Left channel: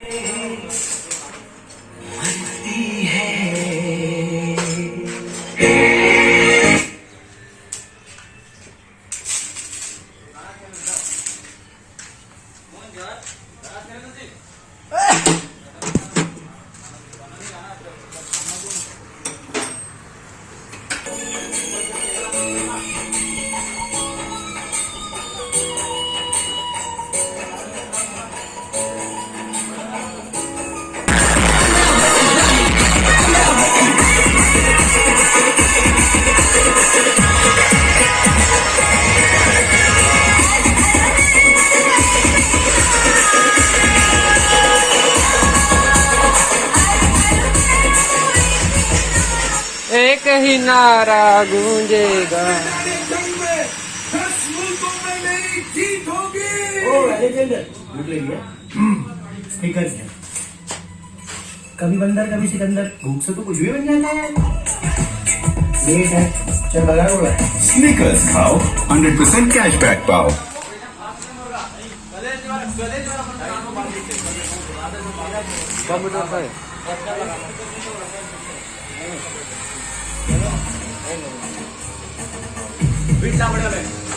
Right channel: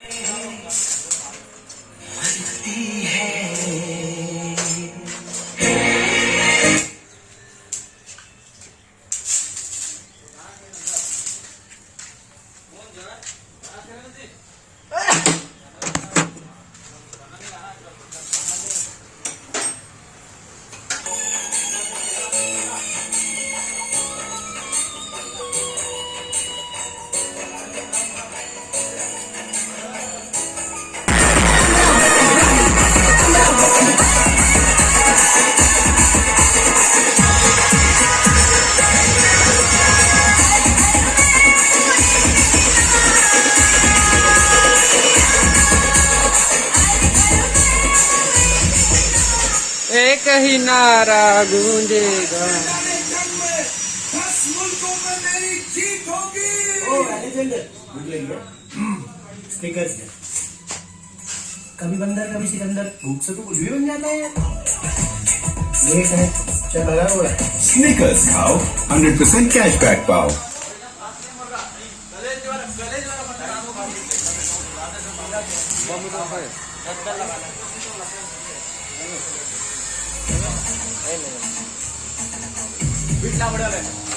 एक ही नारा गूंजेगा। स्पीकर्स है, कभी बंदर कभी सिकंदर, भूख से तो कुछ भी बन जाता है। लेट है, चल भगा रोड़ा। स्नीकर्स खाओ, 100% कैशबैक पाओ। है